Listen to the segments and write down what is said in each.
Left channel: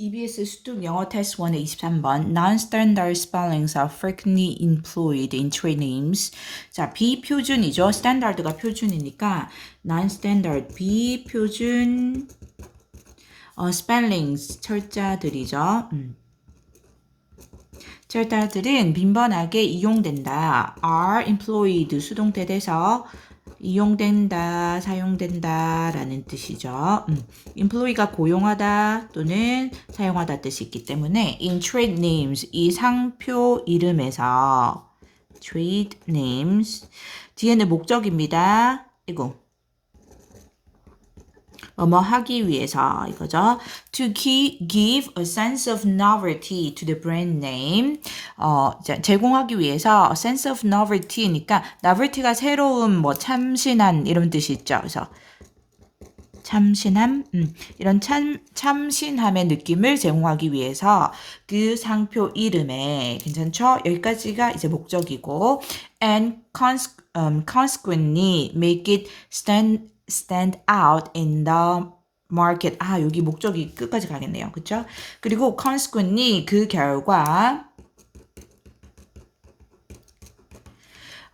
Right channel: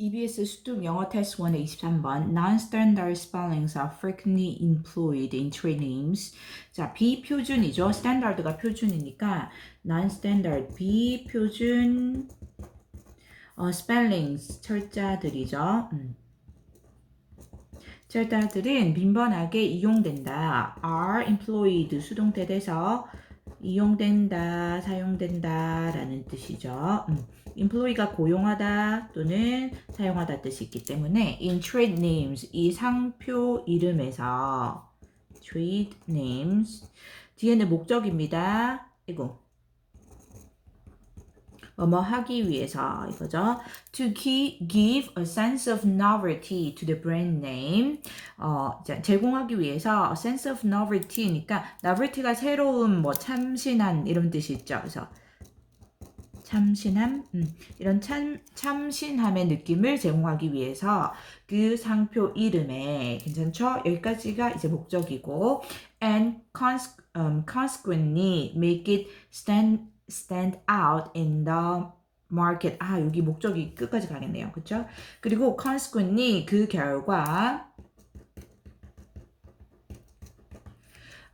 EBS 수능 영어 테스트 1의 23번 Non-standard spellings are frequently employed in trade names. 자, 비표준이죠. standard가 표준이니까 non-standard 비표준 어, spellings 철자들이죠. 음. 철자들은 빈번하게 이용된다. are employed 수동태 돼서 이용된다, 사용된다 라는 뜻이죠. 음, employee가 고용하다 또는 사용하다 뜻이 있기 때문에 in trade names 이 상표 이름에서 trade names 뒤에는 목적입니다. 이거 뭐뭐 하기 위해서 이거죠. To gi- give a sense of novelty to the brand name. 어, 자, 제공하기 위해서 a sense of novelty니까 novelty가 새로운 뭐 참신한 이런 뜻이 있죠. 그래서 참신함, 음, 이런 참, 참신함의 느낌을 제공하기 위해서 그 상표 이름에 괜찮죠? 여기까지가 이제 목적이고 and cons, um, consequently make it stand stand out in the market. 아, 여기 목적이 끝까지 가겠네요. 그쵸? 그리고 consequently 그 결과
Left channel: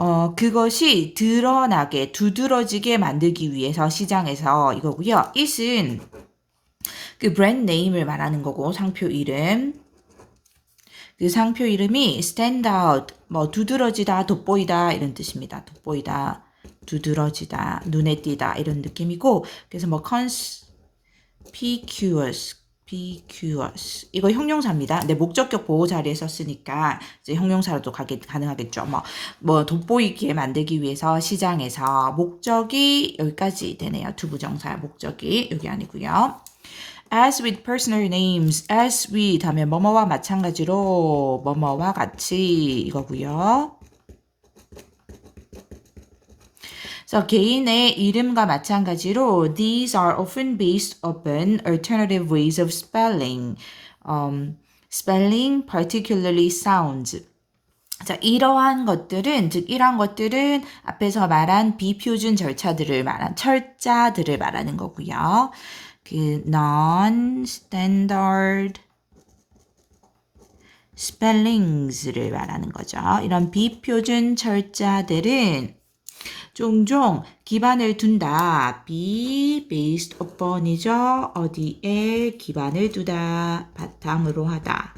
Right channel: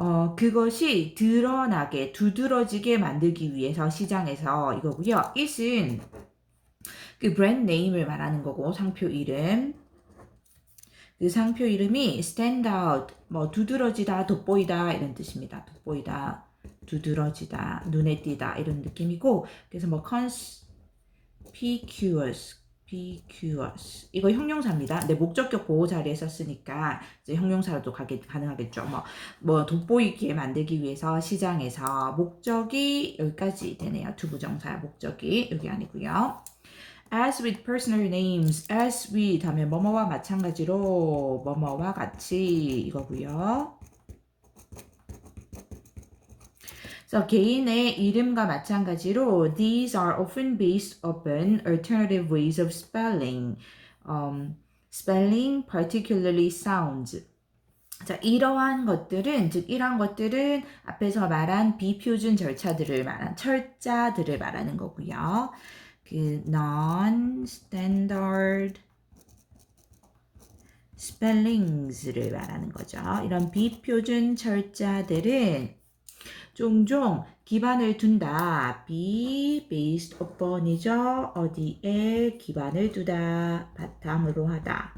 어, 그것이 드러나게, 두드러지게 만들기 위해서 시장에서 이거고요. it은 그 브랜드 네임을 말하는 거고, 상표 이름. 그 상표 이름이 stand out, 뭐 두드러지다, 돋보이다 이런 뜻입니다. 돋보이다, 두드러지다, 눈에 띄다 이런 느낌이고, 그래서 뭐 conspicuous, conspicuous 이거 형용사입니다. 내 목적격 보호 자리에 썼으니까 이제 형용사로도 가게, 가능하겠죠. 뭐, 뭐 돋보이게 만들기 위해서 시장에서 목적이 여기까지 되네요. 두 부정사 목적이 여기 아니고요. As with personal names, as with 하면 뭐뭐와 마찬가지로 뭐뭐와 같이 이거고요. 그래서 개인의 이름과 마찬가지로 these are often based upon alternative ways of spelling. Um, spelling particularly sounds. 자, 이러한 것들은, 즉, 이러한 것들은 앞에서 말한 비표준 절차들을 말한, 철자들을 말하는 거고요. 그, non-standard spellings를 말하는 거죠. 이런 비표준 철자들은 종종 기반을 둔다. be based upon이죠. 어디에 기반을 두다. 바탕으로 하다.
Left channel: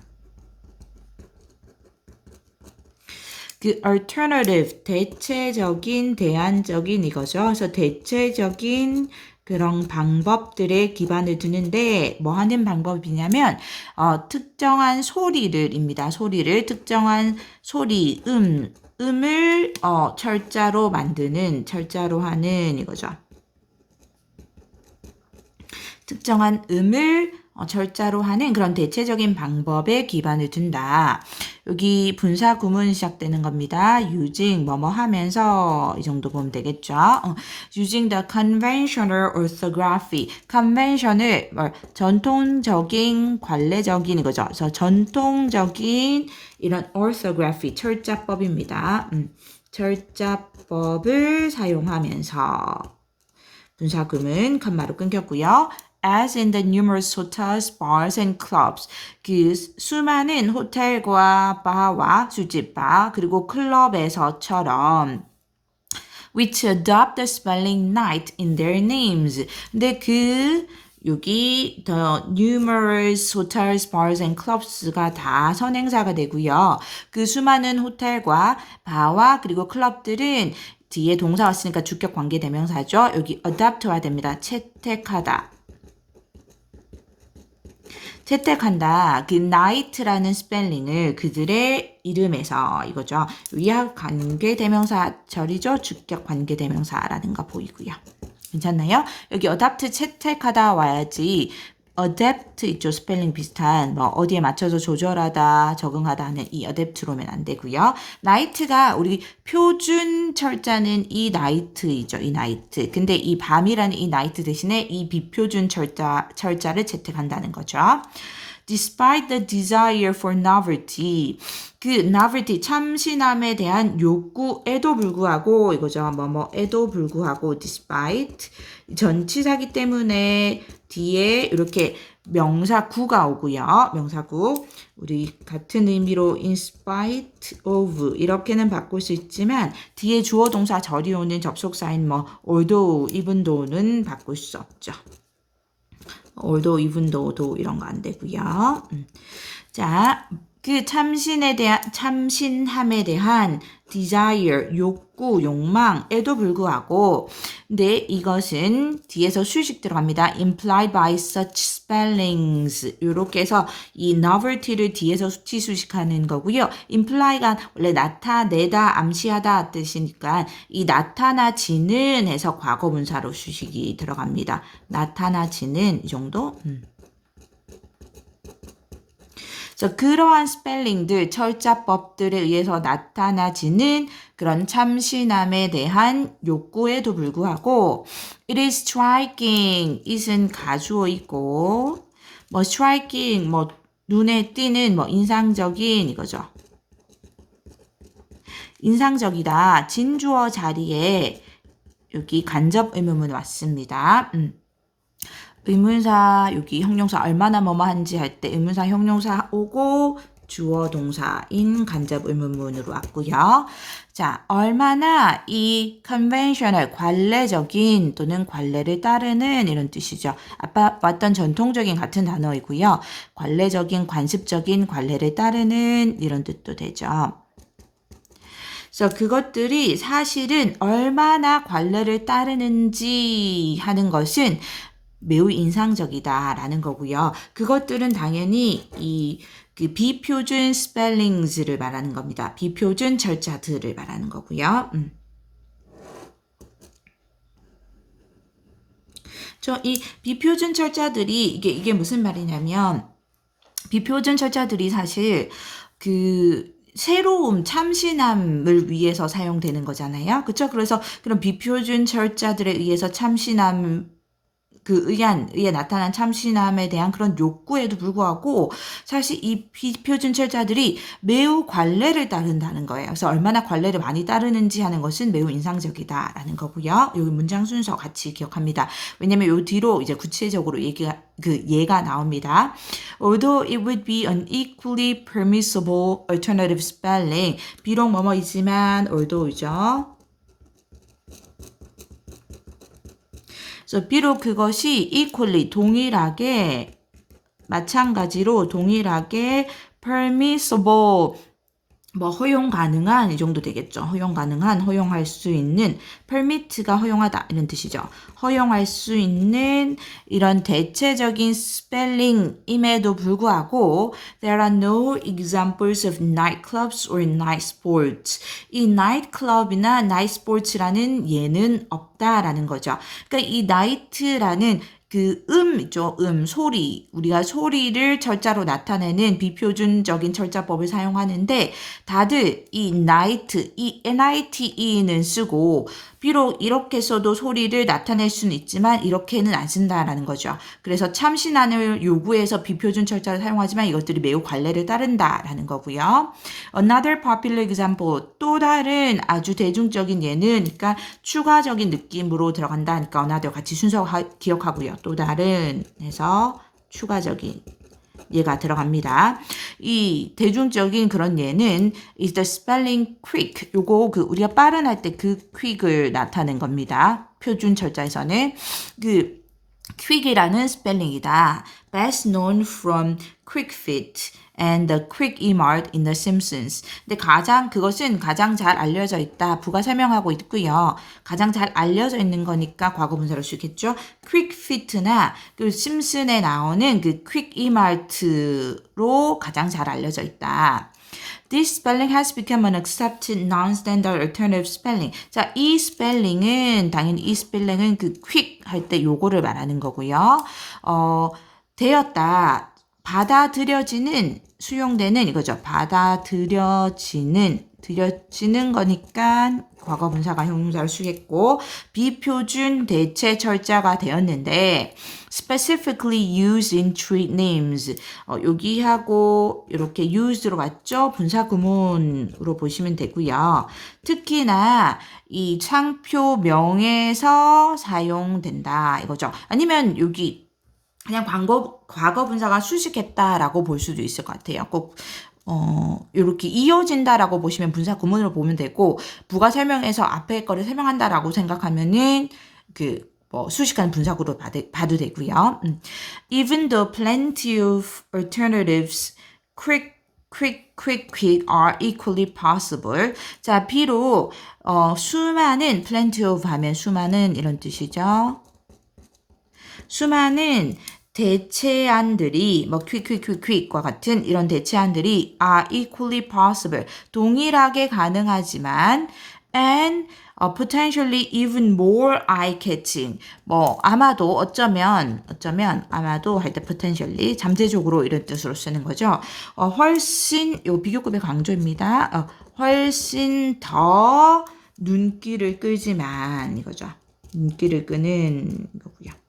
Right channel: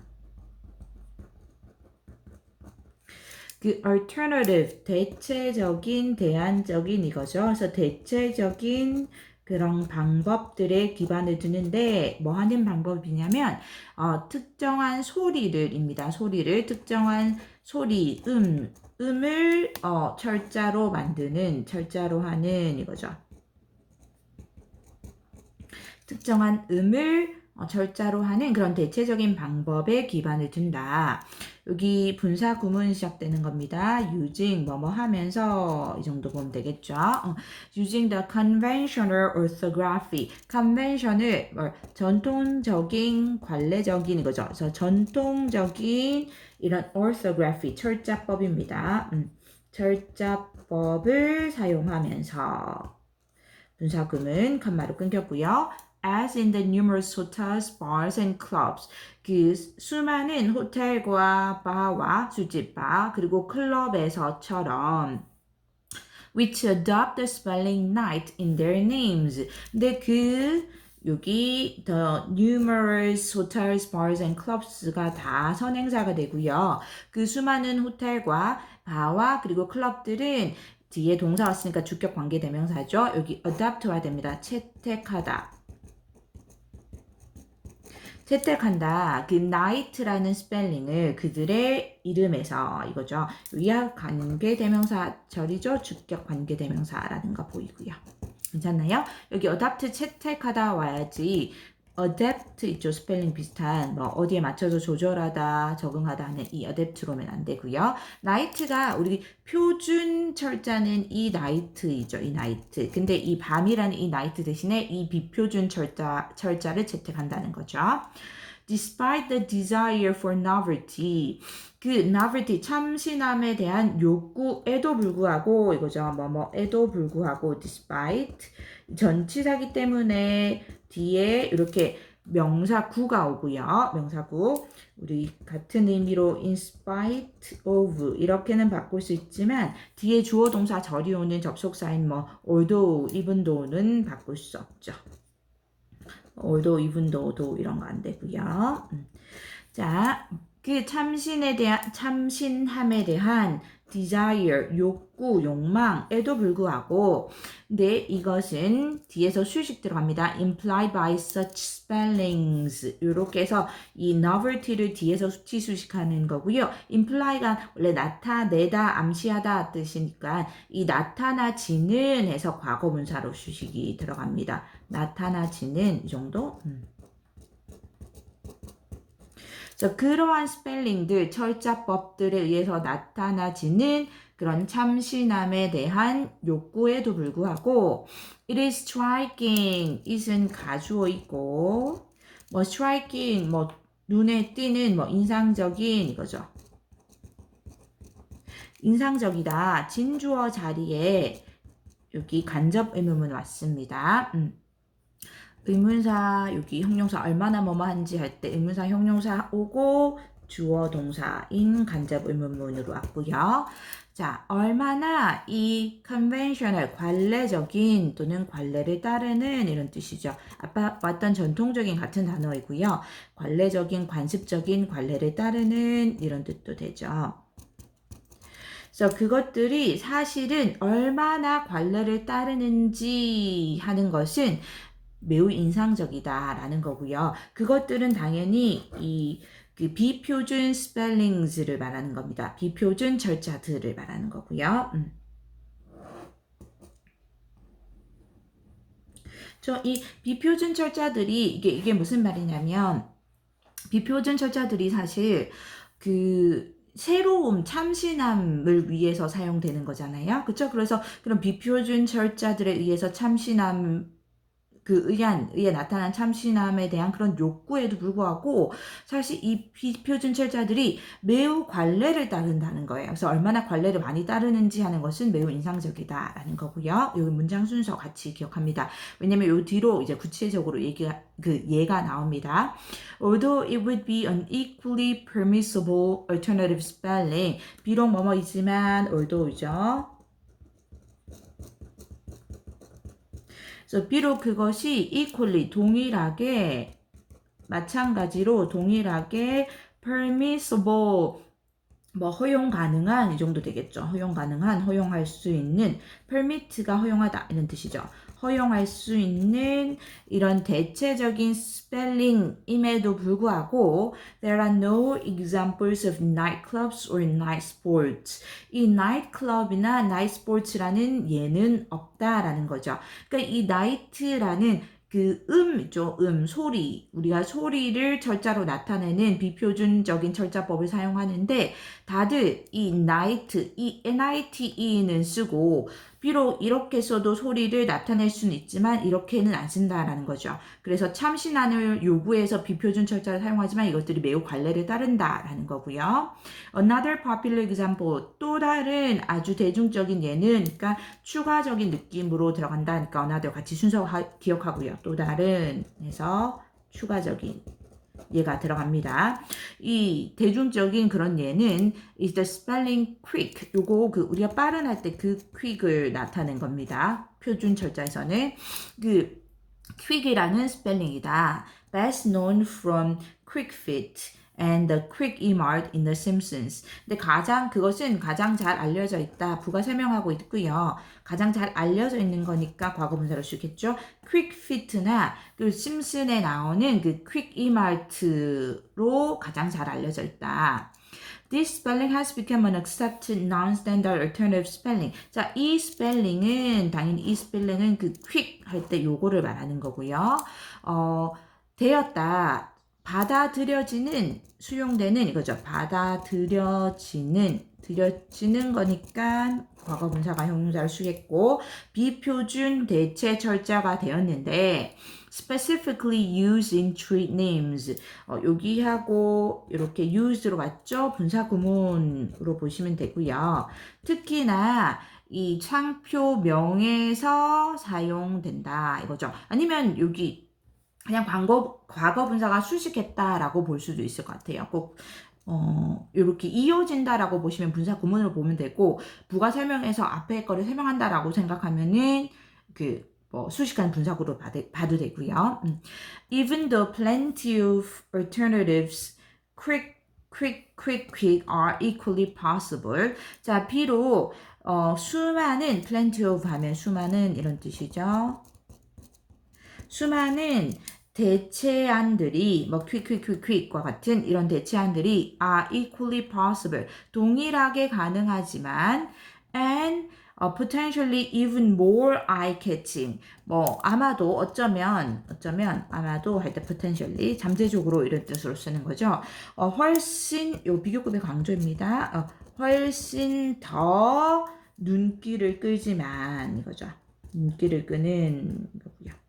그 alternative 대체적인 대안적인 이거죠. 그래서 대체적인 그런 방법들의 기반을 두는데 뭐 하는 방법이냐면 어, 특정한 소리를입니다. 소리를 특정한 소리 음 음을 어, 철자로 만드는 철자로 하는 이거죠. 특정한 음을 어, 철자로 하는 그런 대체적인 방법에 기반을 둔다. 여기 분사 구문 시작되는 겁니다. using 뭐뭐 하면서 이 정도 보면 되겠죠. 어, using the conventional orthography. convention을 뭐, 전통적인 관례적인 이거죠. 그래서 전통적인 이런 orthography 철자법입니다. 음, 철자법을 사용하면서 분사 구문 칸마로 끊겼고요. As in the numerous hotels, bars and clubs. 그 수많은 호텔과 바와 술집바 그리고 클럽에서처럼 which adopt the spelling night in their names. 근데 그 여기 the numerous hotels, bars and clubs가 다 선행사가 되고요. 그 수많은 호텔과 바와 그리고 클럽들은 뒤에 동사 왔으니까 주격 관계 대명사죠. 여기 adopt와 됩니다. 채택하다. 채택한다. 그 night라는 스펠링을 그들의 이름에서 이거죠. 위약 관계 대명사 절이죠. 주격 관계 대명사라는 거 보이고요. 괜찮나요? 여기 adopt 채택하다 와야지 adapt 있죠. 스펠링 비슷한 뭐 어디에 맞춰서 조절하다, 적응하다 하는 이 adapt로 오면 안 되고요. night가 우리 표준 철자는 이 night이죠. 이 night. 근데 이 밤이라는 이 night 대신에 이 비표준 철자 철자를 채택한다는 거죠. Despite the desire for novelty, 그 novelty 참신함에 대한 욕구에도 불구하고 이거죠. 뭐뭐에도 불구하고 despite 전치사기 때문에 뒤에 이렇게 명사구가 오고요. 명사구. 우리 같은 의미로 in spite of 이렇게는 바꿀 수 있지만 뒤에 주어 동사 절이 오는 접속사인 뭐 although, though는 바꿀 수 없죠. Although, even though도 이런 거 안 되고요. 음. 자, 그 참신에 대한 참신함에 대한 desire, 욕구, 욕망에도 불구하고 근데 이것은 뒤에서 수식 들어갑니다. implied by such spellings 이렇게 해서 이 novelty를 뒤에서 수치 수식하는 거고요. imply가 원래 나타내다, 암시하다 뜻이니까 이 나타나지는 해서 과거분사로 수식이 들어갑니다. 나타나지는 이 정도. 음. 그래서 그러한 스펠링들, 철자법들에 의해서 나타나지는 그런 참신함에 대한 욕구에도 불구하고 it is striking, it은 가주어 있고 뭐 striking, 뭐 눈에 띄는 뭐 인상적인 이거죠. 인상적이다. 진주어 자리에 여기 간접 의문문 왔습니다. 음. 의문사 여기 형용사 얼마나 뭐뭐한지 할 때 의문사 형용사 오고 주어 동사인 간접 의문문으로 왔고요. 자, 얼마나 이 conventional 관례적인 또는 관례를 따르는 이런 뜻이죠. 아까 왔던 전통적인 같은 단어이고요. 관례적인 관습적인 관례를 따르는 이런 뜻도 되죠. 그래서 그것들이 사실은 얼마나 관례를 따르는지 하는 것은 매우 인상적이다라는 거고요. 그것들은 당연히 이 그 비표준 스펠링즈를 말하는 겁니다. 비표준 절차들을 말하는 거고요. 음. 저이 비표준 철자들이 이게 이게 무슨 말이냐면 비표준 철자들이 사실 그 새로움, 참신함을 위해서 사용되는 거잖아요. 그렇죠? 그래서 그런 비표준 철자들에 의해서 참신함 그 의한, 의에 나타난 참신함에 대한 그런 욕구에도 불구하고 사실 이 비표준 철자들이 매우 관례를 따른다는 거예요. 그래서 얼마나 관례를 많이 따르는지 하는 것은 매우 인상적이다라는 거고요. 여기 문장 순서 같이 기억합니다. 왜냐면 요 뒤로 이제 구체적으로 얘기가 그 예가 나옵니다. Although it would be an equally permissible alternative spelling. 비록 뭐뭐이지만 although죠. 그래서 비록 그것이 equally 동일하게 마찬가지로 동일하게 permissible 뭐 허용 가능한 이 정도 되겠죠. 허용 가능한 허용할 수 있는 permit가 허용하다 이런 뜻이죠. 허용할 수 있는 이런 대체적인 스펠링임에도 불구하고 there are no examples of nightclubs or night sports. 이 nightclub이나 night sports라는 예는 없다라는 거죠. 그러니까 이 night라는 그 음이죠. 음, 소리. 우리가 소리를 철자로 나타내는 비표준적인 철자법을 사용하는데 다들 이 night, 이 nite는 쓰고 비록 이렇게 써도 소리를 나타낼 수는 있지만 이렇게는 안 쓴다라는 거죠. 그래서 참신함을 요구해서 비표준 철자를 사용하지만 이것들이 매우 관례를 따른다라는 거고요. Another popular example 또 다른 아주 대중적인 예는 그러니까 추가적인 느낌으로 들어간다. 그러니까 another 같이 순서 기억하고요. 또 다른 해서 추가적인 얘가 들어갑니다. 이 대중적인 그런 예는 is the spelling quick. 요거 그 우리가 빠른 할 때 그 quick을 나타낸 겁니다. 표준 철자에서는 그 quick이라는 스펠링이다. best known from quick fit. And the quick e-mart in The Simpsons. 근데 가장 그것은 가장 잘 알려져 있다. 부가 설명하고 있고요. 가장 잘 알려져 있는 거니까 과거 분사를 쓰겠죠. quick fit나 그 심슨에 나오는 그 quick e-mart로 가장 잘 알려져 있다. This spelling has become an accepted non-standard alternative spelling. 자, 이 스펠링은 당연히 이 스펠링은 그 quick 할 때 요거를 말하는 거고요. 어, 되었다. 받아들여지는 수용되는 이거죠. 받아들여지는 들여지는 거니까 과거 분사가 형용사를 쓰겠고 비표준 대체 철자가 되었는데 specifically used in street names 어, 여기하고 이렇게 used로 왔죠. 분사 구문으로 보시면 되고요. 특히나 이 창표 명에서 사용된다 이거죠. 아니면 여기 그냥 광고, 과거 분사가 수식했다라고 볼 수도 있을 것 같아요. 꼭 어, 이렇게 이어진다라고 보시면 분사 구문으로 보면 되고 부가 설명해서 앞에 거를 설명한다라고 생각하면은 그 뭐 수식하는 분사구로 봐도 되고요. 음. Even though plenty of alternatives, quick, quick, quick, quick are equally possible. 자, 비록 어, 수많은 plenty of 하면 수많은 이런 뜻이죠. 수많은 대체안들이 뭐 quick과 같은 이런 대체안들이 are equally possible. 동일하게 가능하지만 and 어, potentially even more eye-catching. 뭐 아마도 어쩌면 어쩌면 아마도 할 때 potentially 잠재적으로 이런 뜻으로 쓰는 거죠. 어, 훨씬 요 비교급의 강조입니다. 어, 훨씬 더 눈길을 끌지만 이거죠. 눈길을 끄는 이거고요.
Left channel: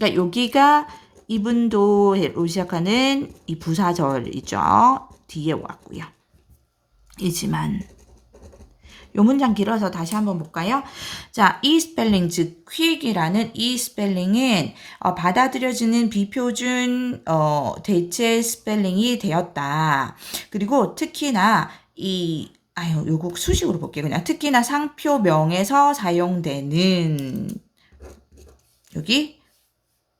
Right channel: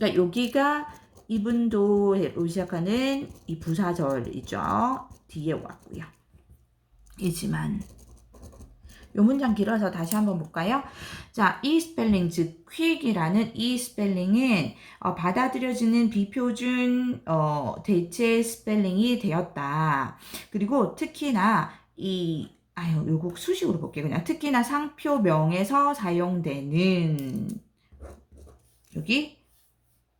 그러니까 여기가 이분도로 시작하는 이 부사절이죠. 뒤에 왔고요. 이지만 요 문장 길어서 다시 한번 볼까요? 자, 이 스펠링, 즉 quick이라는 이 스펠링은 어, 받아들여지는 비표준 어, 대체 스펠링이 되었다. 그리고 특히나 이 아유, 요거 수식으로 볼게요. 그냥 특히나 상표명에서 사용되는 여기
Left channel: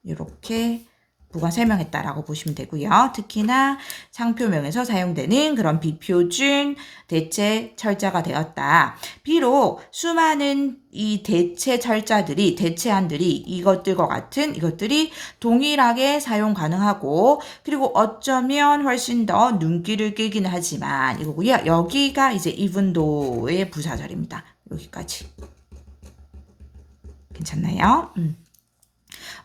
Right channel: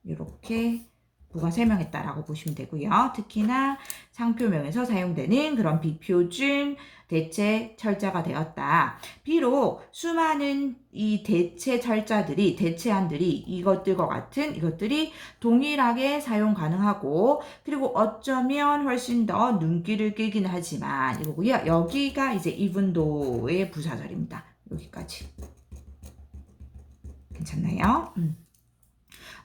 이렇게 부가 설명했다라고 보시면 되고요. 특히나 상표명에서 사용되는 그런 비표준 대체 철자가 되었다. 비록 수많은 이 대체 철자들이 대체안들이 이것들과 같은 이것들이 동일하게 사용 가능하고 그리고 어쩌면 훨씬 더 눈길을 끌기는 하지만 이거고요. 여기가 이제 이분도의 부사절입니다. 여기까지. 괜찮나요? 음.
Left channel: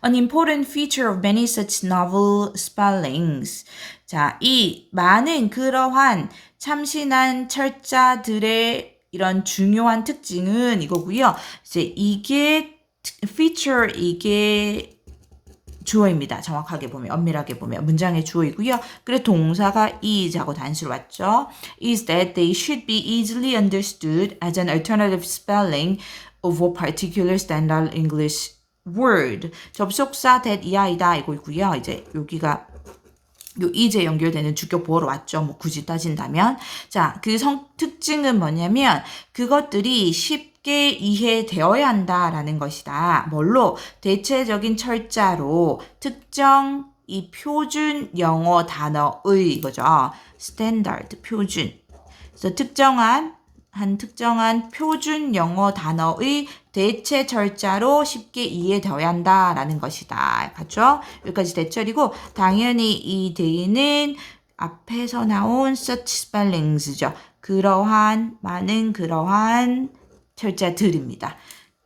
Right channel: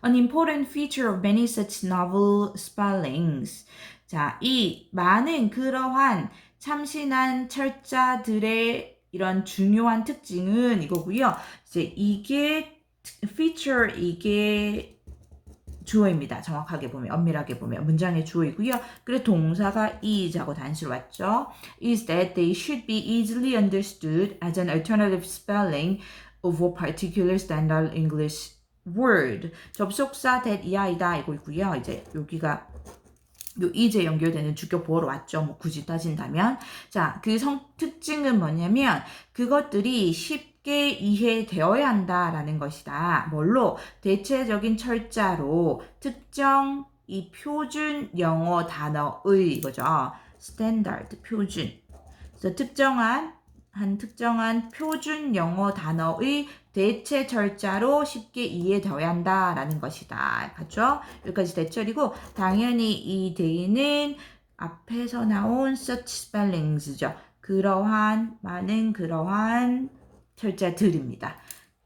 An important feature of many such novel spellings. 자, 이 많은 그러한 참신한 철자들의 이런 중요한 특징은 이거고요. 이제 이게 feature 이게 주어입니다. 정확하게 보면 엄밀하게 보면 문장의 주어이고요. 그래 동사가 is하고 단수로 왔죠. is that they should be easily understood as an alternative spelling of a particular standard English word 접속사 that 이하이다 이거 있고요. 이제 여기가 요 이제 연결되는 주격 보호로 왔죠. 뭐 굳이 따진다면 자, 그 성 특징은 뭐냐면 그것들이 쉽게 이해되어야 한다라는 것이다. 뭘로 대체적인 철자로 특정 이 표준 영어 단어의 이거죠. 스탠다드 표준. 그래서 특정한 한 특정한 표준 영어 단어의 대체 철자로 쉽게 이해되어야 한다라는 것이다. 맞죠? 여기까지 대철이고 당연히 이 대는 앞에서 나온 such spellings죠. 그러한 많은 그러한 철자들입니다.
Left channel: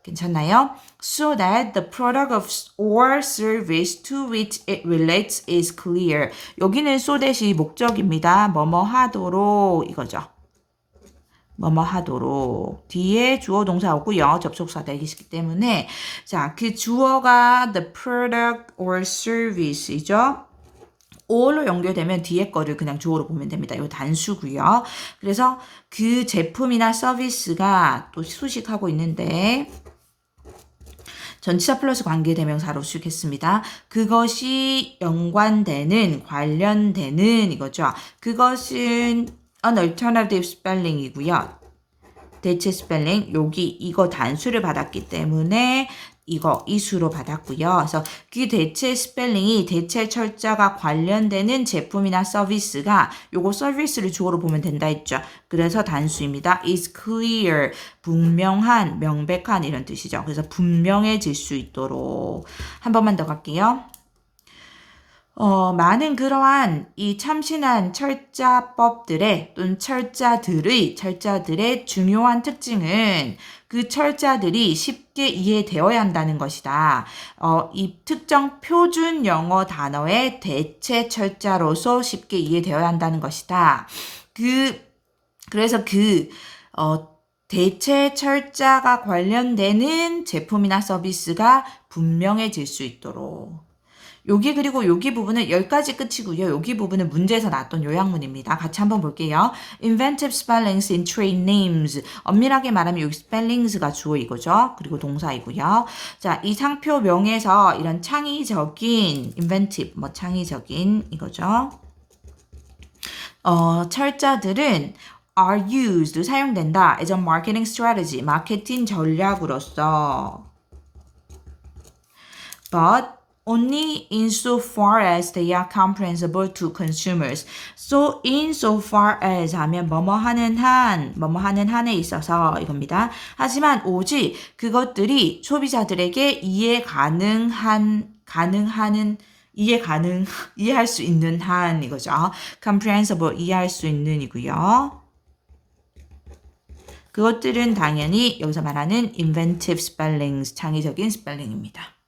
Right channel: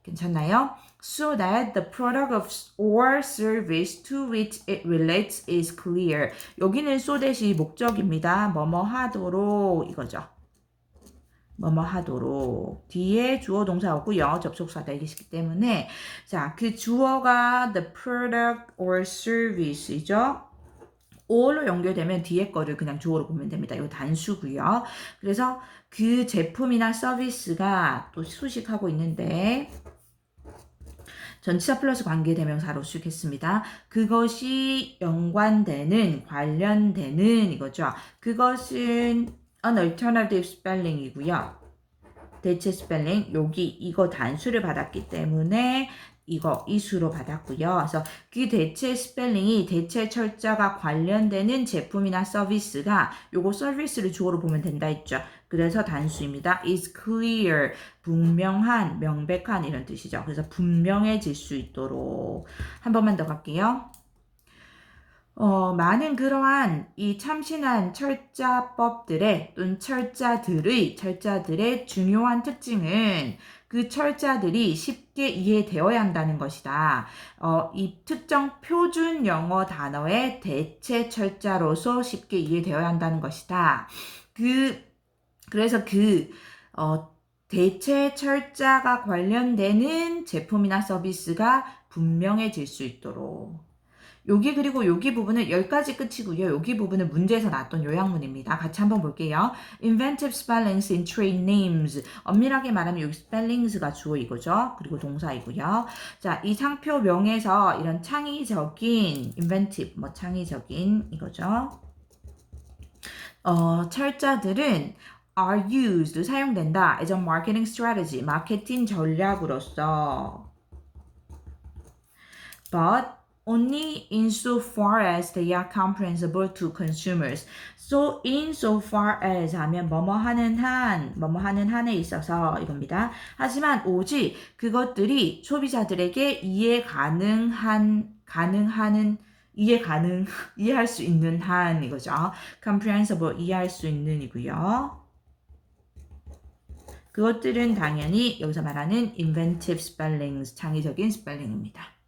괜찮나요? So that the product of or service to which it relates is clear. 여기는 so that이 목적입니다. 뭐뭐 하도록 이거죠. 뭐뭐 하도록 뒤에 주어 동사 오고요. 접속사 대기시기 때문에 자, 그 주어가 the product or service이죠. or로 연결되면 뒤에 거를 그냥 주어로 보면 됩니다. 이거 단수고요. 그래서 그 제품이나 서비스가 또 수식하고 있는데 전치사 플러스 관계대명사로 쓰겠습니다. 그것이 연관되는 관련되는 이거죠. 그것은 an alternative spelling이고요. 대체 스펠링 여기 이거 단수를 받았기 때문에 이거 이수로 받았고요. 그래서 그 대체 스펠링이 대체 철자가 관련되는 제품이나 서비스가 요거 서비스를 주어로 보면 된다 했죠. 그래서 단수입니다. is clear 분명한 명백한 이런 뜻이죠. 그래서 분명해질 수 있도록 한 번만 더 갈게요. 어, 많은 그러한 이 참신한 철자법들의 또는 철자들의 철자들의 중요한 특징은 그 철자들이 쉽게 이해되어야 한다는 것이다. 어, 이 특정 표준 영어 단어의 대체 철자로서 쉽게 이해되어야 한다는 것이다. 그 그래서 그 어, 대체 철자가 관련되는 제품이나 서비스가 분명해질 수 있도록 여기 그리고 여기 부분은 여기까지 끝이고요. 여기 부분은 문제에서 나왔던 요약문입니다. 같이 한번 볼게요. Inventive spellings in trade names. 엄밀하게 말하면 여기 spellings가 주어 이거죠. 그리고 동사이고요. 자, 이 상표명에서 이런 창의적인 inventive, 뭐 창의적인 이거죠. 어, 철자들은 are used 사용된다 as a marketing strategy 마케팅 전략으로서 but only insofar as they are comprehensible to consumers. So insofar as 하면 뭐뭐 하는 한, 뭐뭐 하는 한에 있어서 이겁니다. 하지만 오직 그것들이 소비자들에게 이해 가능한 가능하는 이해 가능 이해할 수 있는 한 이거죠. comprehensible 이해할 수 있는이고요. 그것들은 당연히 여기서 말하는 inventive spellings 창의적인 스펠링입니다.